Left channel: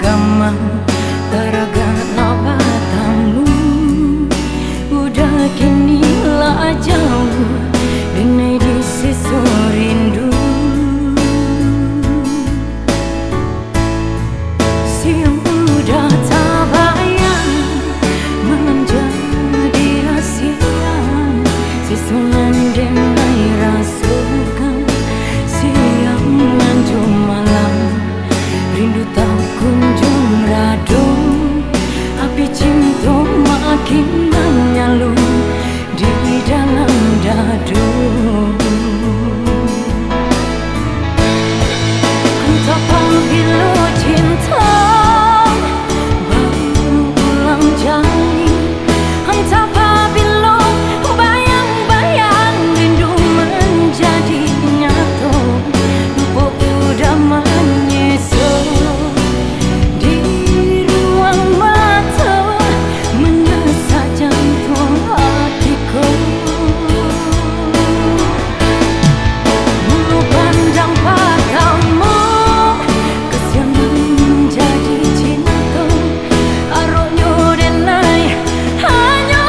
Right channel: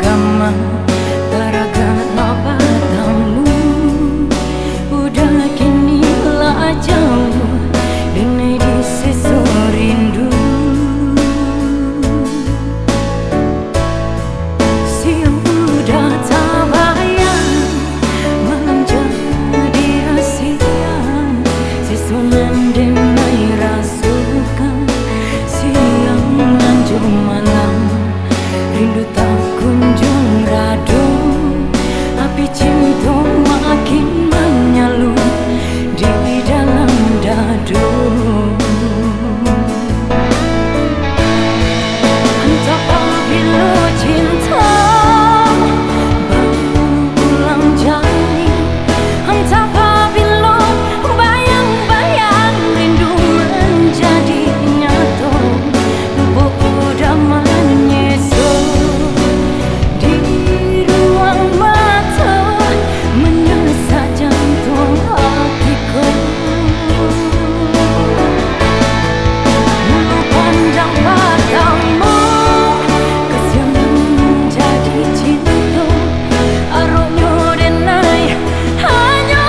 agama taragana batamu. Udah kini lah jauh denai di seso rindu. Siang udah tak bayang, malam jadi rasian. Sisunan denai rasukan, siang lanjut malam. Rindu tak kunjung radum, api cinta makin menyalu di dalam dadu. Entah apabila cinta berulang jali, entah apabila bayang-bayang rindu menjadi nyata. Lupa udah menyesu di ruang mata, menyesak jantung hatiku. Mulu pandang padamu, kasihan menjadi cinta. Aroknya denai hanya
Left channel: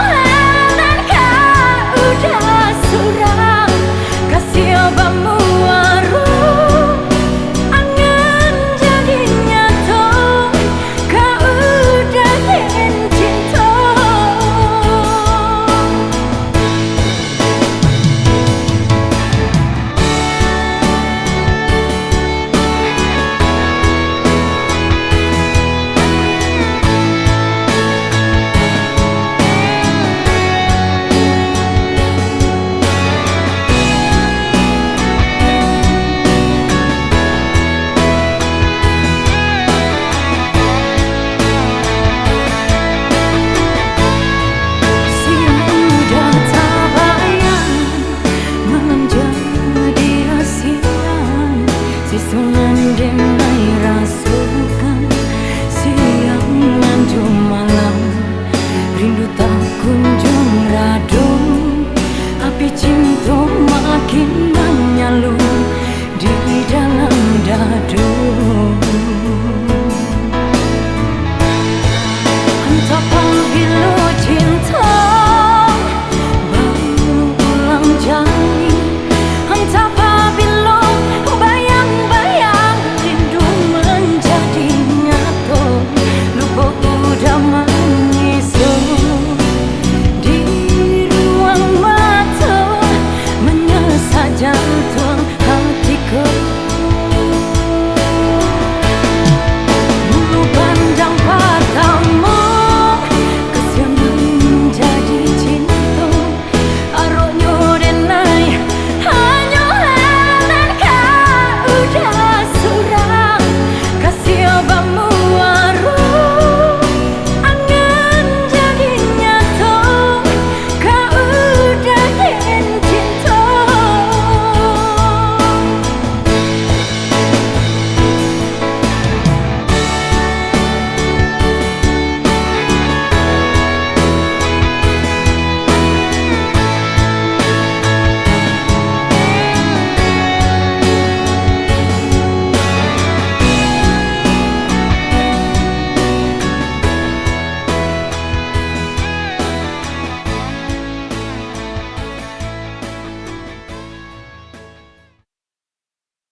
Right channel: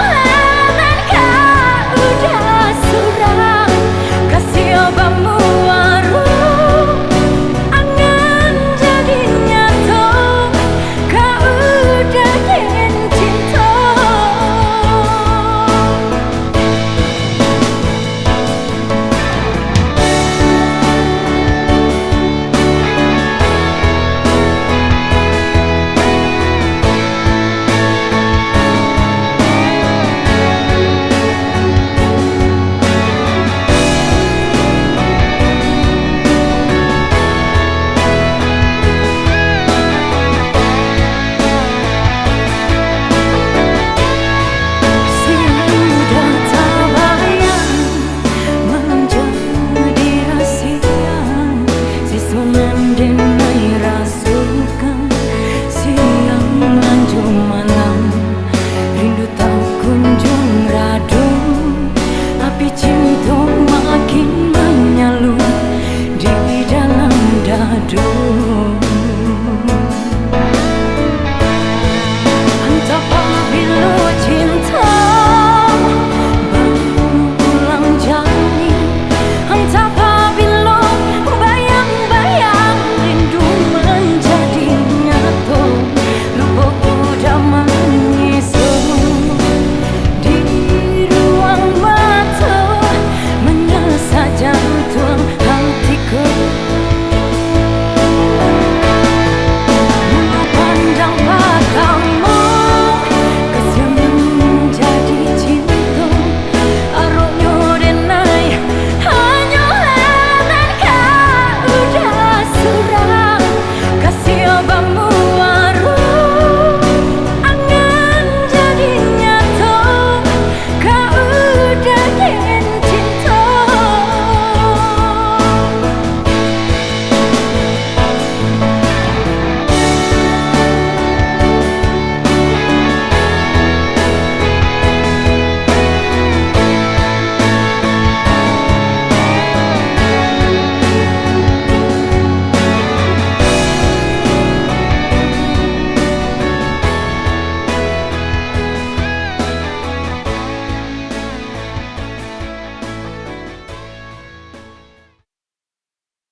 dan kau udah surah. Kasih obamu waru, angan jadi nyata. Kau udah den cinta. Sisunan denai rasukan, siang lanjut malam. Rindu tak kunjung radum, api cinta makin menyalu di dalam dadu.